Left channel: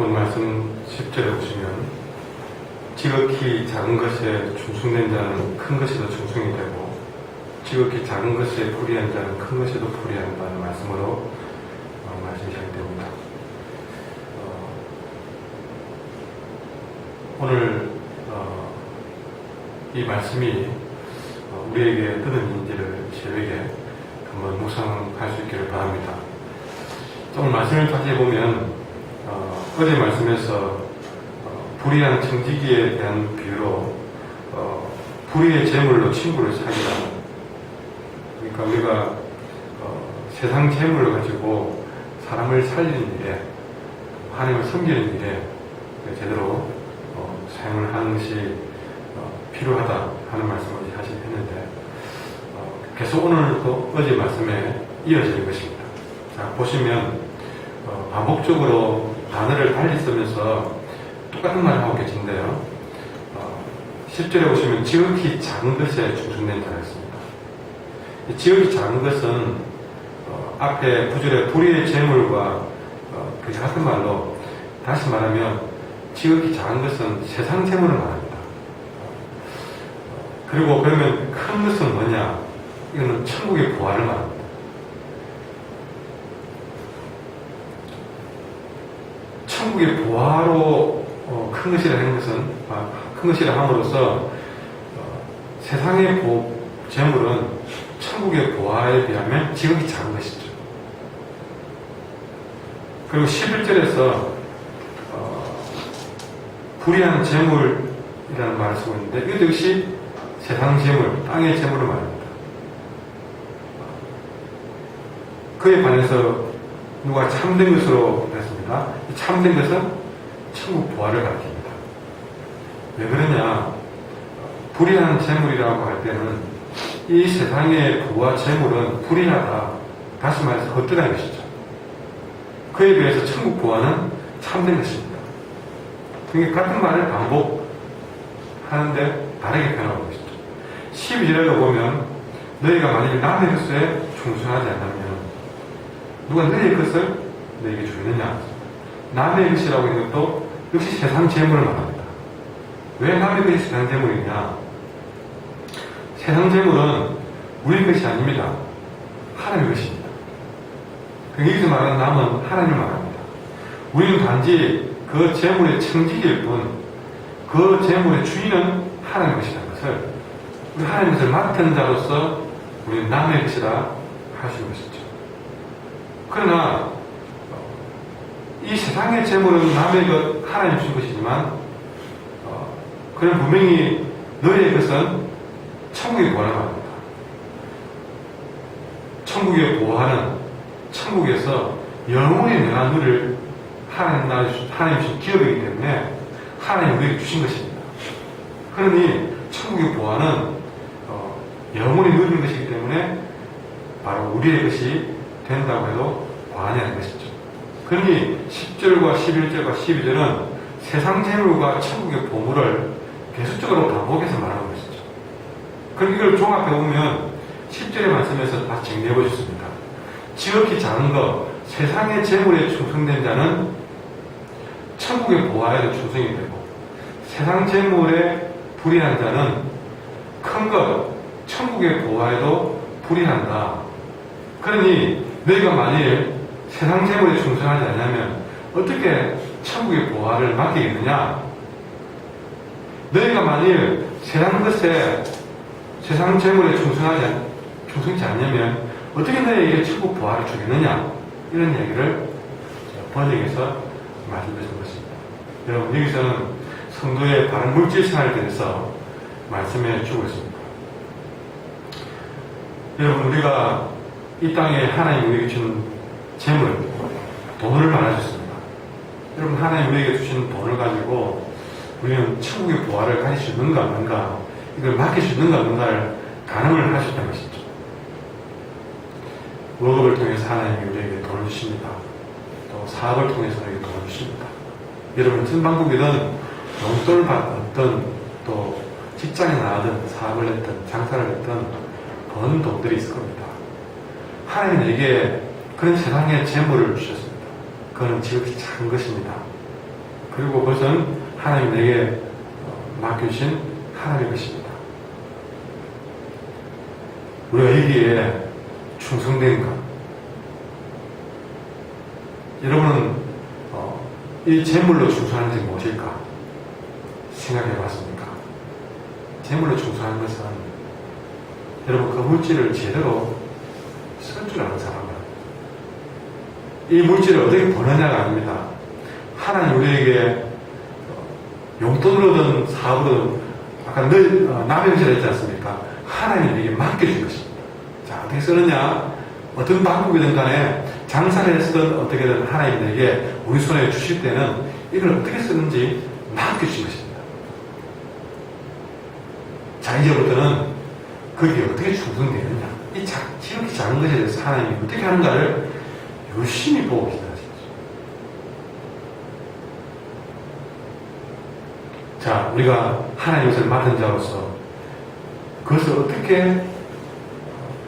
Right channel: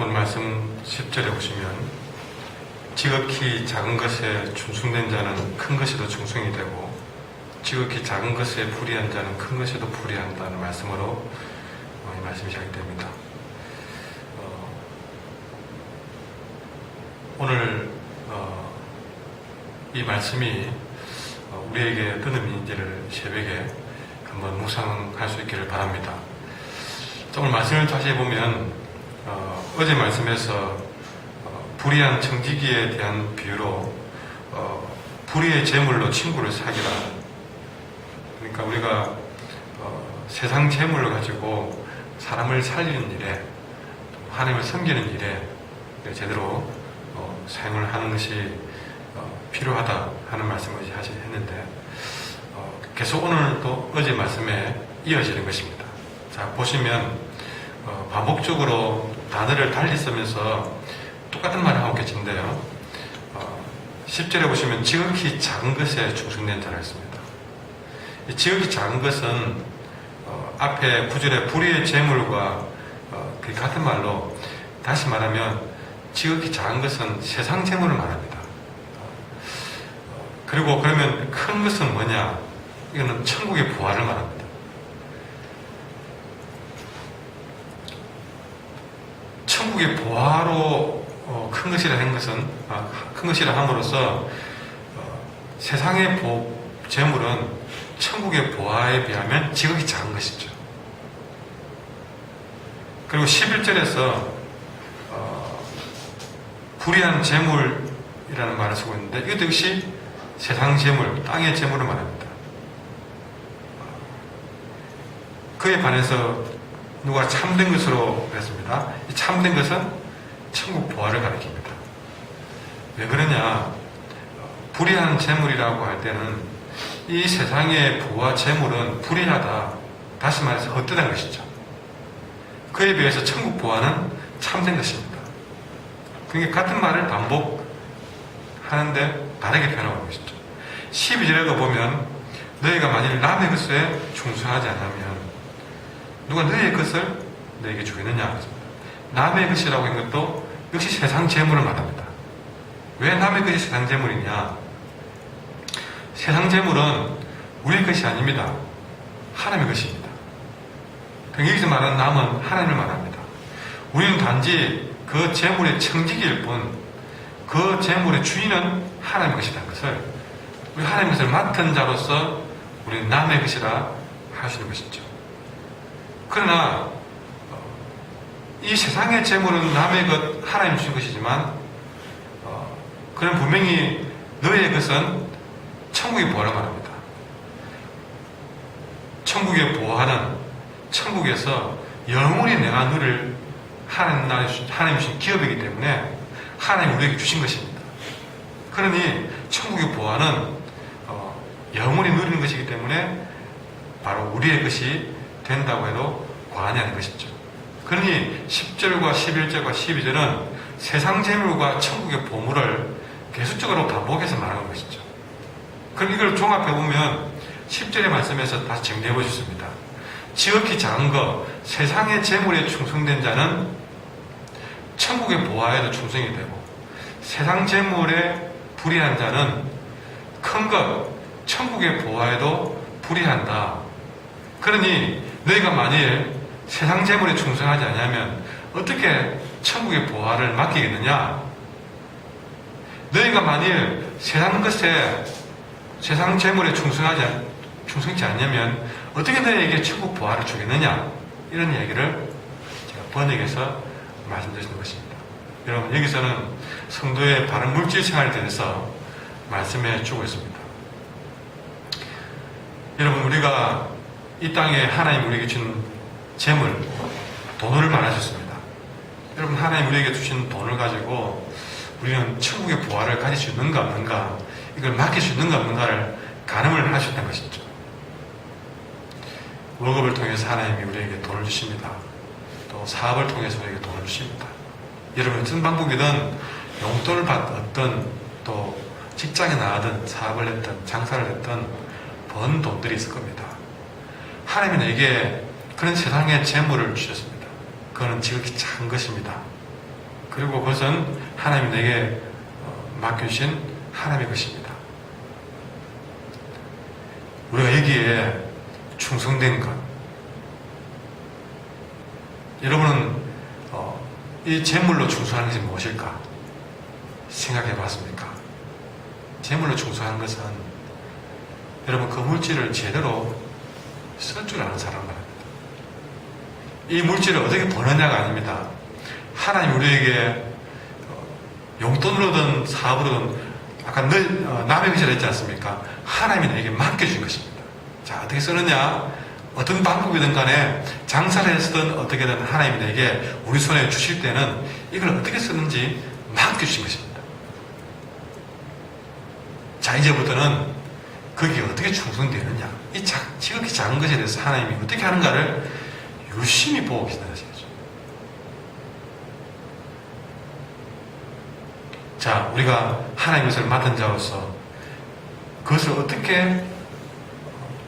오늘 말씀 10절에 보시면 지극히 작은 것에 충성된 자는 큰 것에도 충성이 되고 지극히 작은 것에 불의한 자는 큰 것에도 불의한다는 말씀으로 말씀이 시작이 됩니다. 오늘 이 말씀이 우리에게 어떤 의미인지를 새벽에 한번 묵상할 수 있기를 바랍니다. 오늘 말씀을 다시 해보면 어제 말씀에서 불의한 청지기에 대한 비유로 불의의 재물로 친구를 사귀라. 그러니까 우리가 세상 재물을 가지고 사람을 살리는 일에 하나님을 섬기는 일에 제대로 사용을 하는 것이 필요하다 하는 말씀을 했는데 계속 오늘도 어제 말씀에 이어지는 것입니다. 자, 보시면 반복적으로 단어를 달리 쓰면서 똑같은 말을 하고 계신데요. 10절에 보시면 지극히 작은 것에 충성된 자라 했습니다. 지극히 작은 것은 앞에 9절에 불의의 재물과 같은 말로 다시 말하면 지극히 작은 것은 세상 재물을 말합니다. 그리고 그러면 큰 것은 뭐냐? 이거는 천국의 부활을 말합니다. 천국의 부활로 큰 것이라 하는 것은 큰 것이라 함으로써 세상의 재물은 천국의 부활에 비하면 지극히 작은 것이죠. 그리고 11절에서 불의한 재물이라는 말을 쓰고 있는데 이것도 역시 세상 재물, 땅의 재물을 말합니다. 그에 반해서 누가 참된 것으로 했습니다. 이 참된 것은 천국 부활을 가리킵니다. 왜 그러냐? 불의한 재물이라고 할 때는 이 세상의 부와 재물은 불의하다. 다시 말해서 헛되다는 것이죠. 그에 비해서 천국 부활은 참된 것입니다. 그러니까 같은 말을 반복하는데 다르게 표현하고 것이죠. 12절에도 보면 너희가 만일 남의 것에 충성하지 않으면 누가 너희의 것을 너희에게 주겠느냐? 남의 것이라고 하는 것도 역시 세상 재물을 말합니다. 왜 남의 것이 세상 재물이냐? 세상 재물은 우리의 것이 아닙니다. 하나님의 것입니다. 여기서 말하는 남은 하나님을 말합니다. 우리는 단지 그 재물의 청지기일 뿐, 그 재물의 주인은 하나님의 것이라는 것을, 우리 하나님의 것을 맡은 자로서 우리는 남의 것이라 하시는 것이죠. 그러나 이 세상의 재물은 남의 것, 하나님 주신 것이지만 그는 분명히 너의 것은 천국의 부활을 말합니다. 천국의 부활은 천국에서 영원히 내가 누릴 하나님 주신 기업이기 때문에 하나님이 우리에게 주신 것입니다. 그러니 천국의 부활은 영원히 누리는 것이기 때문에 바로 우리의 것이 된다고 해도 과언이 아닌 것이죠. 그러니 10절과 11절과 12절은 세상 재물과 천국의 보물을 계속적으로 반복해서 말하는 것이죠. 그럼 이걸 종합해 보면 10절의 말씀에서 다시 정리해 보셨습니다. 지극히 작은 것, 세상의 재물에 충성된 자는 천국의 보화에도 충성이 되고 세상 재물에 불의한 자는 큰 것, 천국의 보화에도 불의한다. 그러니 너희가 만일 세상 재물에 충성하지 않으면 어떻게 천국의 보화를 맡기겠느냐? 너희가 만일 세상 것에 세상 재물에 충성치 않냐면 어떻게 너희에게 천국 보화를 주겠느냐? 이런 얘기를 번역해서 말씀드리는 것입니다. 여러분, 여기서는 성도의 바른 물질 생활에 대해서 말씀해 주고 있습니다. 여러분, 우리가 이 땅에 하나님 우리에게 준 재물, 돈을 말하셨습니다. 여러분, 하나님 우리에게 주신 돈을 가지고 우리는 천국의 부활을 가질 수 있는가 없는가, 이걸 맡길 수 있는가 없는가를 가늠을 하셨다는 것이죠. 월급을 통해서 하나님이 우리에게 돈을 주십니다. 또 사업을 통해서 우리에게 돈을 주십니다. 여러분, 어떤 방법이든 용돈을 받든 또 직장에 나가든 사업을 했든 장사를 했든 번 돈들이 있을 겁니다. 하나님은 내게 그런 세상의 재물을 주셨습니다. 그거는 지극히 작은 것입니다. 그리고 그것은 하나님이 내게 맡겨주신 하나님의 것입니다. 우리가 여기에 충성된 것. 여러분은 이 재물로 충성하는 것이 무엇일까? 생각해 봤습니까? 재물로 충성하는 것은 여러분 그 물질을 제대로 쓸 줄 아는 사람은 이 물질을 어떻게 버느냐가 아닙니다. 하나님 우리에게 용돈으로든 사업으로든 아까 남의 것이라 했지 않습니까? 하나님이 내게 맡겨준 것입니다. 자, 어떻게 쓰느냐? 어떤 방법이든 간에 장사를 했든 어떻게든 하나님이 내게 우리 손에 주실 때는 이걸 어떻게 쓰는지 맡겨주신 것입니다. 자, 이제부터는 거기에 어떻게 충성되느냐? 이 지극히 작은 것에 대해서 하나님이 어떻게 하는가를 열심히 보고 계신다는 것이죠. 자, 우리가 하나님의 것을 맡은 자로서 그것을 어떻게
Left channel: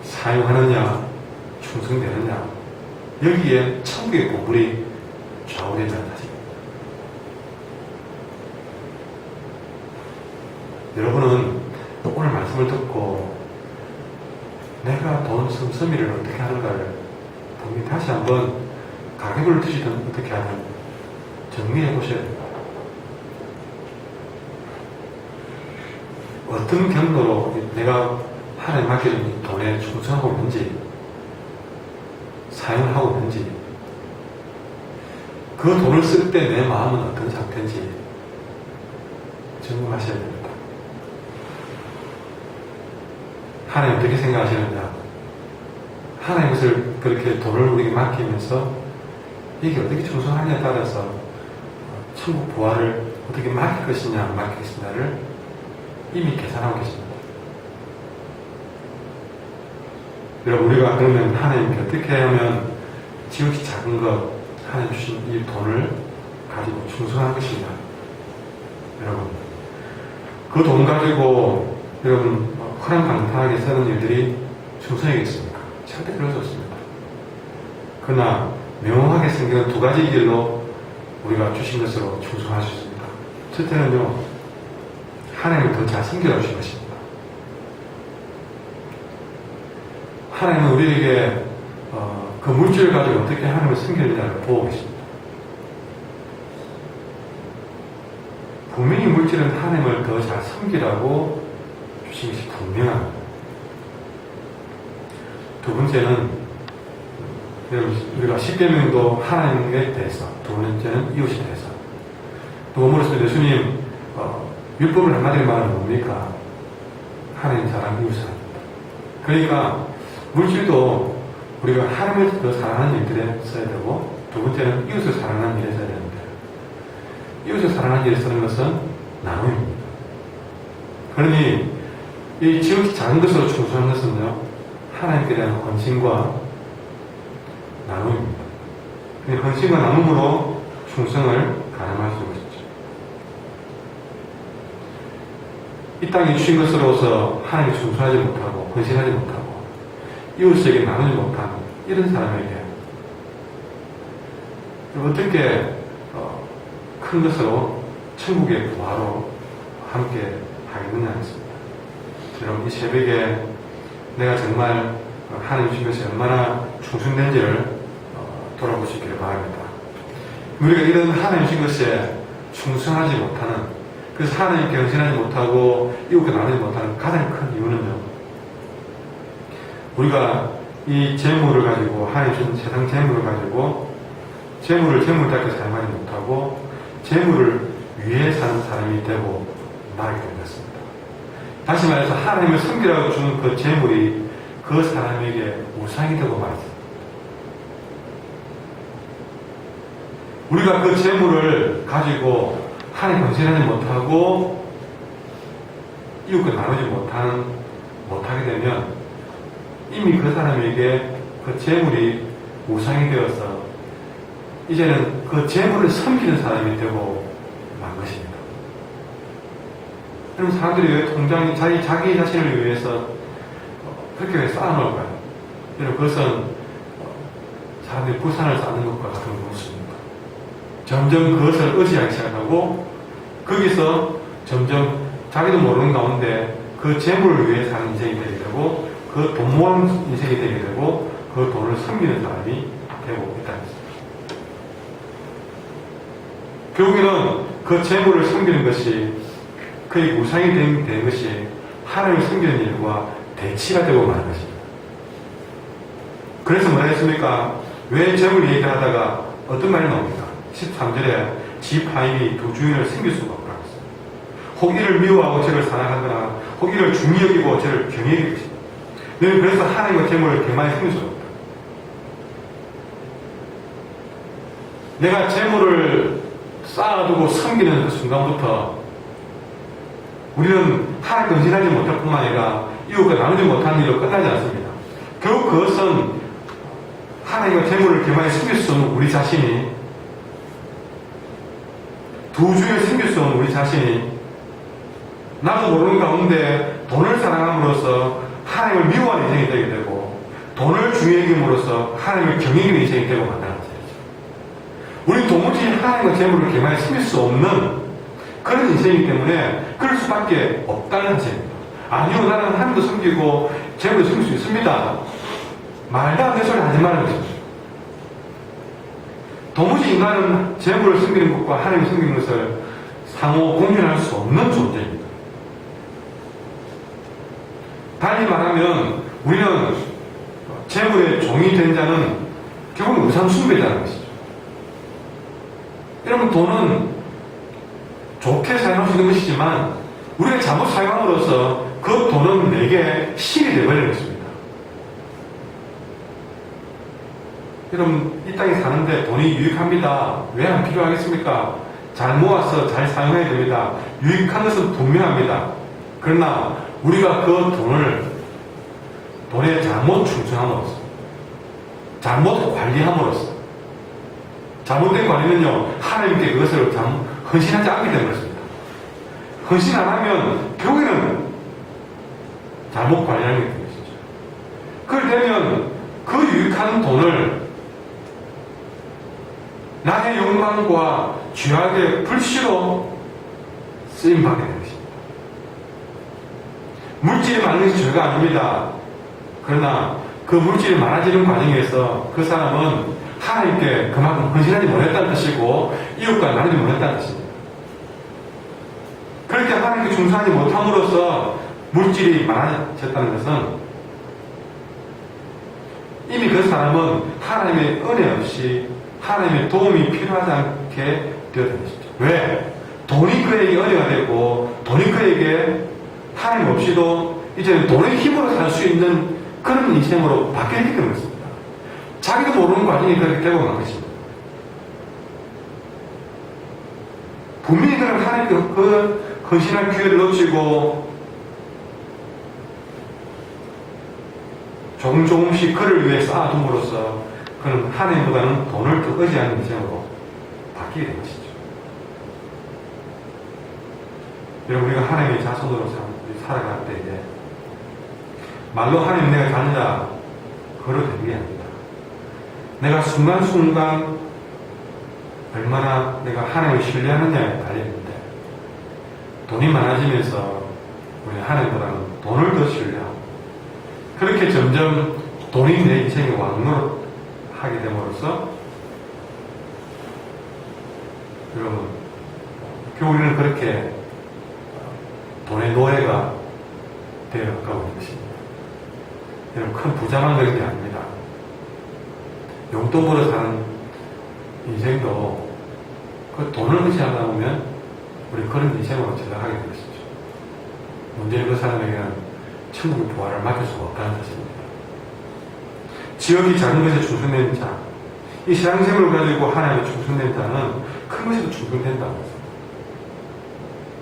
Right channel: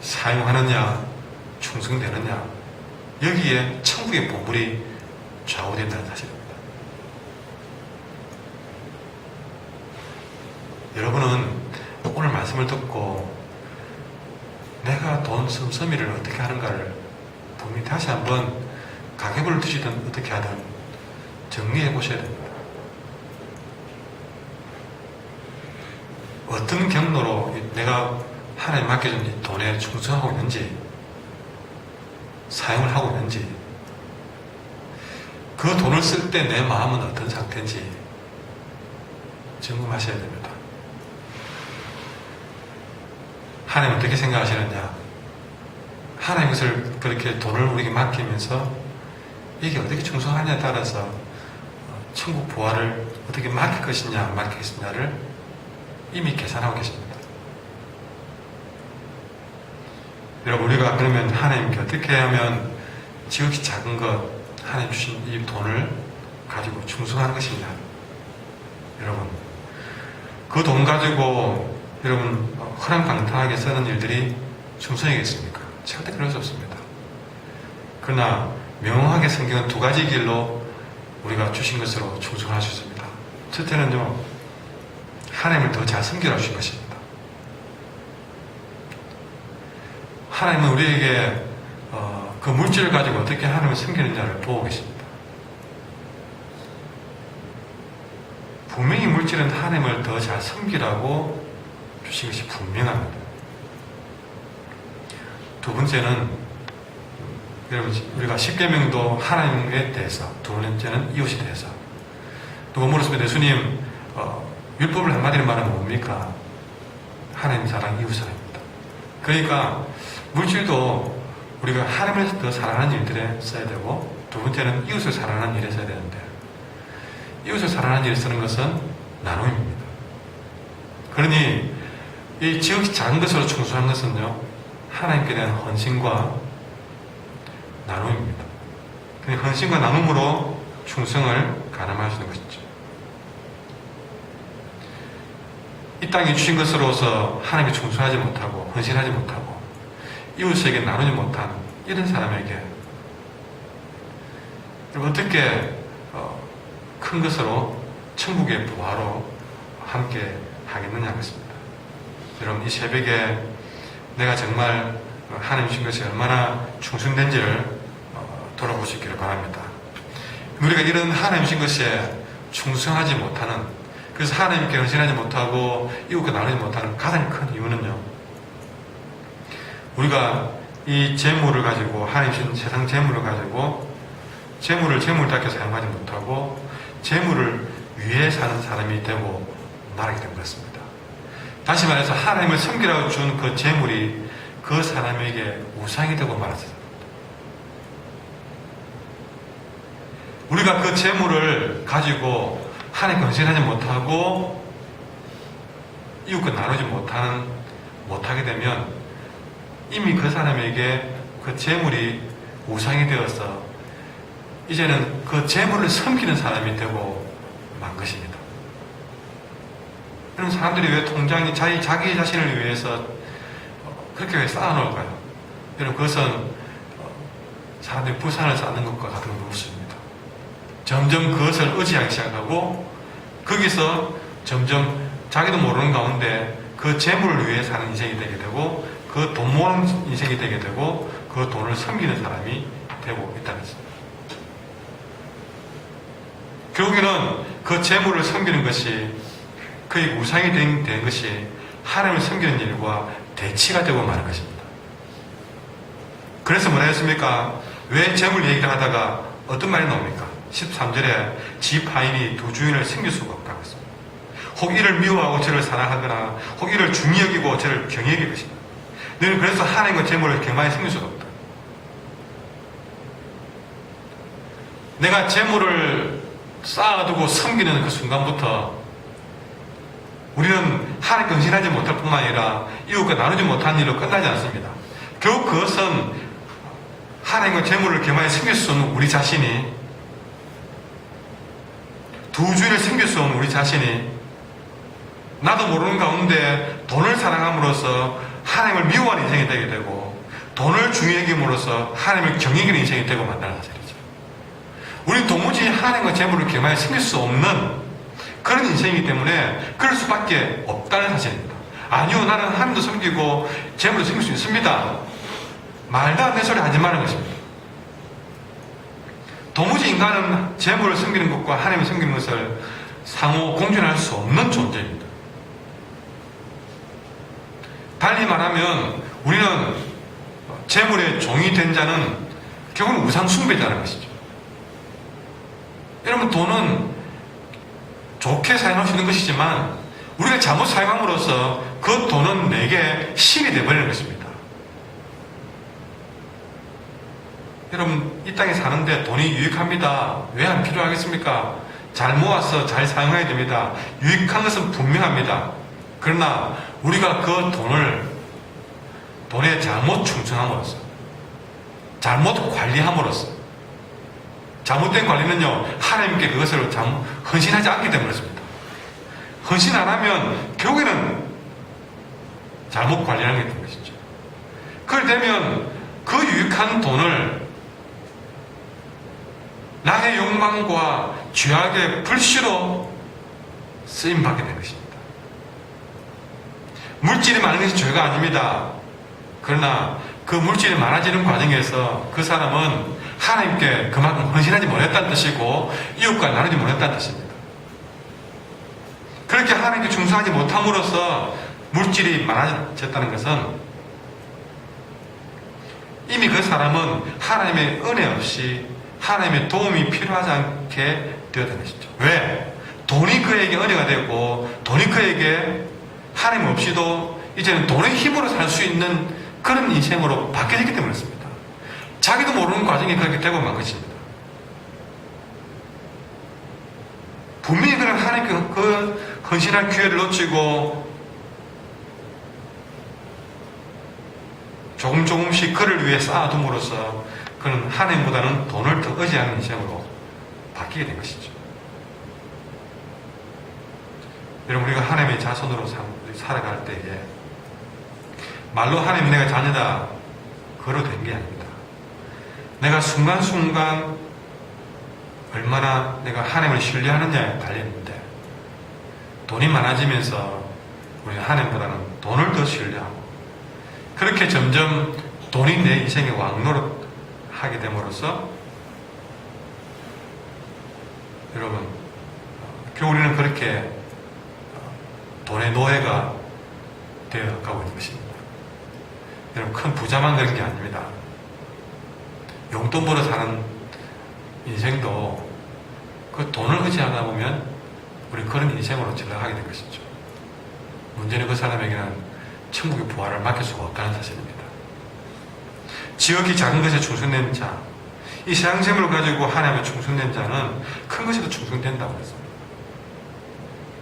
사용하느냐, 충성되느냐, 여기에 천국의 보물이 좌우된다는 사실입니다. 여러분은 오늘 말씀을 듣고 내가 돈 씀씀이를 어떻게 하는가를 분명히 다시 한번 가계부를 두시든 어떻게 하든 정리해 보셔야 됩니다. 어떤 경로로 내가 하나님 맡겨준 이 돈에 충성하고 있는지, 사용을 하고 있는지, 그 돈을 쓸 때 내 마음은 어떤 상태인지 점검하셔야 됩니다. 하나님 어떻게 생각하시느냐? 하나님 것을 그렇게 돈을 우리에게 맡기면서 이게 어떻게 충성하냐에 따라서 천국 부활을 어떻게 맡길 것이냐 안 맡길 것이냐를 이미 계산하고 계십니다. 여러분, 우리가 그러면 하나님께 어떻게 하면 지극히 작은 것, 하나님 주신 이 돈을 가지고 충성한 것이냐? 여러분, 그 돈 가지고 여러분 허랑방탕하게 사는 일들이 충성이겠습니까? 절대 그럴 수 없습니다. 그러나 명확하게 생기는 두 가지 길로 우리가 주신 것으로 충성할 수 있습니다. 첫째는요, 하나님을 더 잘 섬기라 주신 것입니다. 하나님은 우리에게 그 물질을 가지고 어떻게 하나님을 섬기는지를 보고 계십니다. 분명히 물질은 하나님을 더 잘 섬기라고 주신 것이 분명합니다. 두 번째는 우리가 십계명도 하나님에 대해서, 두 번째는 이웃에 대해서. 누가 물었습니다. 예수님, 율법을 한마디로 말하면 뭡니까? 하나님 사랑, 이웃 사랑입니다. 그러니까 물질도 우리가 하나님을 더 사랑하는 일들에 써야 되고, 두 번째는 이웃을 사랑하는 일에 써야 되는데, 이웃을 사랑하는 일에 쓰는 것은 나눔입니다. 그러니 이 지극히 작은 것으로 충성하는 것은요, 하나님께 대한 헌신과 나눔입니다. 그 헌신과 나눔으로 충성을 가늠할 수 있는 것이죠. 이 땅에 주신 것으로서 하나님께 충성하지 못하고 헌신하지 못하고 이웃에게 나누지 못한 이런 사람에게 어떻게 큰 것으로 천국의 부활로 함께 하겠느냐 하겠습니다. 여러분, 이 새벽에 내가 정말 하나님 주신 것이 얼마나 충성된지를 돌아보시기를 바랍니다. 우리가 이런 하나님 주신 것에 충성하지 못하는, 그래서 하나님께 헌신하지 못하고 이웃과 나누지 못하는 가장 큰 이유는요, 우리가 이 재물을 가지고, 하나님 주신 세상 재물을 가지고 재물을 재물답게 사용하지 못하고 재물을 위해 사는 사람이 되고 말하게 된 것입니다. 다시 말해서 하나님을 섬기라고 준 그 재물이 그 사람에게 우상이 되고 말았습니다. 우리가 그 재물을 가지고 하나님 헌신하지 못하고 이웃과 나누지 못하게 되면 이미 그 사람에게 그 재물이 우상이 되어서 이제는 그 재물을 섬기는 사람이 되고 만 것입니다. 그럼 사람들이 왜 통장이 자기 자신을 위해서 그렇게 왜 쌓아놓을까요? 여러분, 그것은 사람들이 부산을 쌓는 것과 같은 것입니다. 점점 그것을 의지하기 시작하고 거기서 점점 자기도 모르는 가운데 그 재물을 위해 사는 인생이 되게 되고 그 돈 모으는 인생이 되게 되고 그 돈을 섬기는 사람이 되고 있다는 것입니다. 결국에는 그 재물을 섬기는 것이 그의 우상이 된 것이 하나님을 섬기는 일과 대치가 되고 마는 것입니다. 그래서 뭐라 했습니까? 왜 재물 얘기를 하다가 어떤 말이 나옵니까? 13절에 지 파인이 두 주인을 섬길 수가 없다. 혹 이를 미워하고 저를 사랑하거나 혹 이를 중히 여기고 저를 경히 여길 것이다. 너희는 그래서 하나님과 재물을 개만히 섬길 수가 없다. 내가 재물을 쌓아두고 섬기는 그 순간부터 우리는 하나님께 헌신하지 못할 뿐만 아니라 이웃과 나누지 못한 일로 끝나지 않습니다. 결국 그것은 하나님과 재물을 개만히 섬길 수 없는 우리 자신이 두 주인을 섬길 수 없는 우리 자신이 나도 모르는 가운데 돈을 사랑함으로써 하나님을 미워하는 인생이 되게 되고 돈을 중요히 여김으로써 하나님을 경외하는 인생이 되고 만나는 사실이죠. 우리는 도무지 하나님과 재물을 개만히 섬길 수 없는 그런 인생이기 때문에 그럴 수밖에 없다는 사실입니다. 아니요, 나는 하나님도 섬기고 재물도 섬길 수 있습니다. 말도 안 되는 소리 하지 말라는 것입니다. 도무지 인간은 재물을 섬기는 것과 하나님을 섬기는 것을 상호 공존할 수 없는 존재입니다. 달리 말하면 우리는 재물의 종이 된 자는 결국은 우상 숭배자라는 것이죠. 여러분, 돈은 좋게 사용할 수 있는 것이지만 우리가 잘못 사용함으로써 그 돈은 내게 실이 되어버리는 것입니다. 여러분, 이 땅에 사는데 돈이 유익합니다. 왜 안 필요하겠습니까? 잘 모아서 잘 사용해야 됩니다. 유익한 것은 분명합니다. 그러나 우리가 그 돈에 잘못 충성함으로써, 잘못 관리함으로써, 잘못된 관리는요, 하나님께 그것을 헌신하지 않게 되는 것입니다. 헌신 안 하면 결국에는 잘못 관리하는 게 되는 것이죠. 그럴 때면 그 유익한 돈을 나의 욕망과 죄악의 불씨로 쓰임받게 되는 것입니다. 물질이 많은 것이 죄가 아닙니다. 그러나 그 물질이 많아지는 과정에서 그 사람은 하나님께 그만큼 헌신하지 못했다는 뜻이고 이웃과 나누지 못했다는 뜻입니다. 그렇게 하나님께 충성하지 못함으로써 물질이 많아졌다는 것은 이미 그 사람은 하나님의 은혜 없이 하나님의 도움이 필요하지 않게 되었던 것이죠. 왜? 돈이 그에게 은혜가 되고 돈이 그에게 하나님 없이도 이제는 돈의 힘으로 살 수 있는 그런 인생으로 바뀌었기 때문에 그렇습니다. 자기도 모르는 과정이 그렇게 되고 만 것입니다. 분명히 그런 하나님께 그 헌신할 기회를 놓치고 조금씩 그를 위해 쌓아둠으로써 그는 하나님보다는 돈을 더 의지하는 인생으로 바뀌게 된 것이죠. 여러분, 우리가 하나님의 자손으로 살아갈 때에 말로 하나님 내가 자녀다 그로 된 게 아닙니다. 내가 순간순간 얼마나 내가 하나님을 신뢰하느냐에 달렸는데 돈이 많아지면서 우리 하나님보다는 돈을 더 신뢰하고 그렇게 점점 돈이 내 인생의 왕노릇 하게 됨으로써 여러분, 결국 우리는 그렇게 돈의 노예가 되어가고 있는 것입니다. 여러분, 큰 부자만 그런 게 아닙니다. 용돈 벌어 사는 인생도 그 돈을 의지하다 보면 우리 그런 인생으로 전락하게 된 것이죠. 문제는 그 사람에게는 천국의 부활을 맡길 수가 없다는 사실입니다. 지극히 작은 것에 충성된 자, 이 세상 생물을 가지고 하나님에 충성된 자는 큰 것에도 충성된다고 했습니다.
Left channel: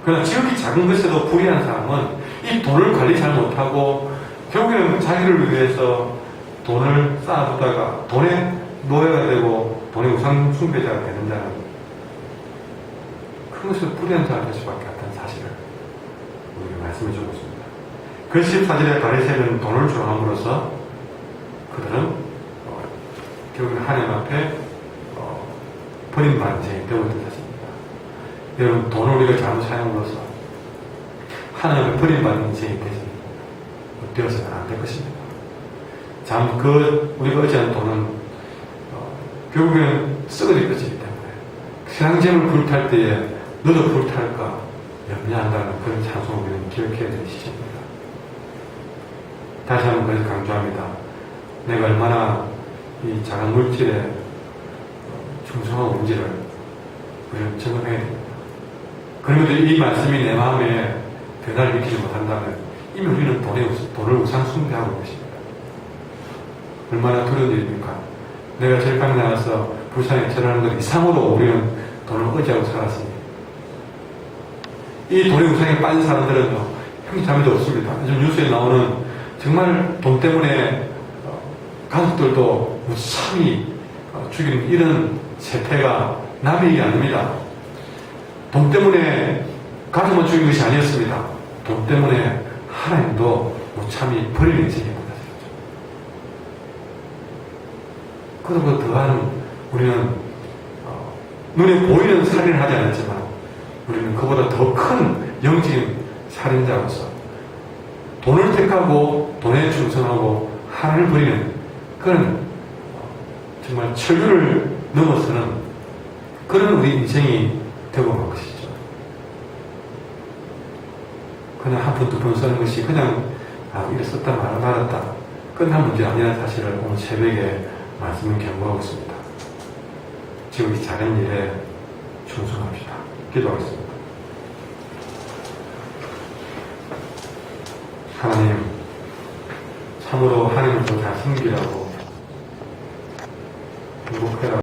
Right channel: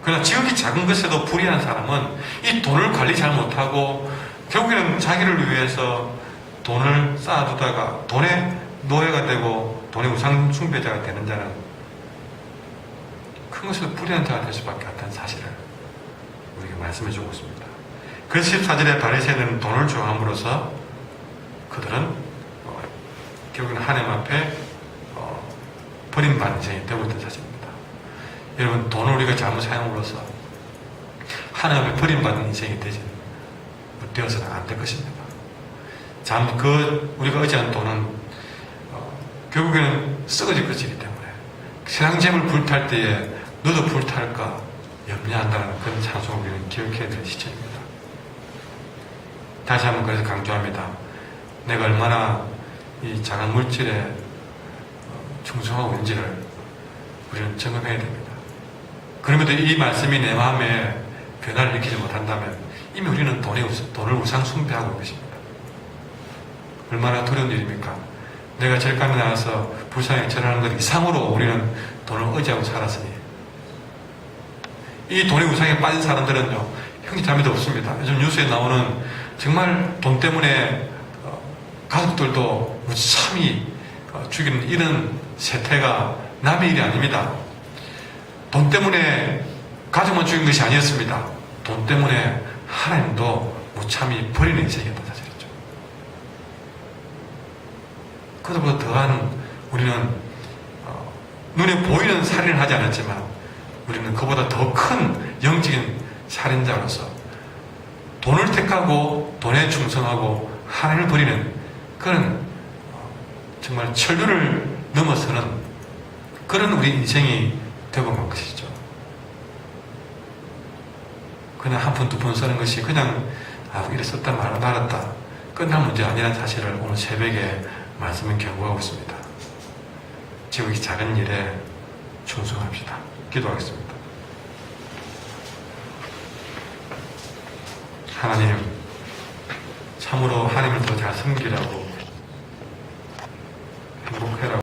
그러나 지극히 작은 것에도 불의한 사람은 이 돈을 관리 잘 못하고 결국에는 자기를 위해서 돈을 쌓아두다가 돈의 노예가 되고 돈의 우상 숭배자가 되는 자는 큰 것에도 불의한 자가 될 수밖에 없다는 사실을 우리에게 말씀해 주고 있습니다. 그래서 14절에 바리새인은 돈을 좋아함으로써 그들은 결국은 하나님 앞에 버림받는 인생이 되고 있다는 사실입니다. 여러분, 돈을 우리가 잘못 사용으로써 하나님 앞에 버림받는 인생이 되어서는 안 될 것입니다. 우리가 의지하는 돈은 결국에는 썩어질 것이기 때문에 세상 재물 불탈 때에 너도 불탈까 염려한다는 그런 찬송을 우리는 기억해야 될 시점입니다. 다시 한번 그래서 강조합니다. 내가 얼마나 이 작은 물질에 충성하고 있는지를 우리는 점검해야 됩니다. 그럼에도 이 말씀이 내 마음에 변화를 일으키지 못한다면 이미 우리는 돈을 우상 숭배하고 있는 것입니다. 얼마나 두려운 일입니까? 내가 절감이 나서 불쌍히 절하는 것 이상으로 우리는 돈을 의지하고 살았으니 이 돈의 우상에 빠진 사람들은요, 형제자매도 없습니다. 요즘 뉴스에 나오는 정말 돈 때문에 가족들도 무참히 죽이는 이런 세태가 남의 일이 아닙니다. 돈 때문에 가족만 죽인 것이 아니었습니다. 돈 때문에 하나님도 무참히 버리는 인생이었다. 그것보다 더한 우리는 눈에 보이는 살인을 하지 않았지만 우리는 그보다 더 큰 영적인 살인자로서 돈을 택하고 돈에 충성하고 하나님을 버리는 그런 정말 천류를 넘어서는 그런 우리 인생이 되고 만 것이죠. 그냥 한 푼 두 푼 쓰는 것이 그냥 이래 썼다 말고 말았다 끝날 문제가 아니라는 사실을 오늘 새벽에 말씀을 경고하고 있습니다. 지금 이 작은 일에 충성합시다. 기도하겠습니다. 하나님, 참으로 하나님을 더 잘 섬기라고 행복해라.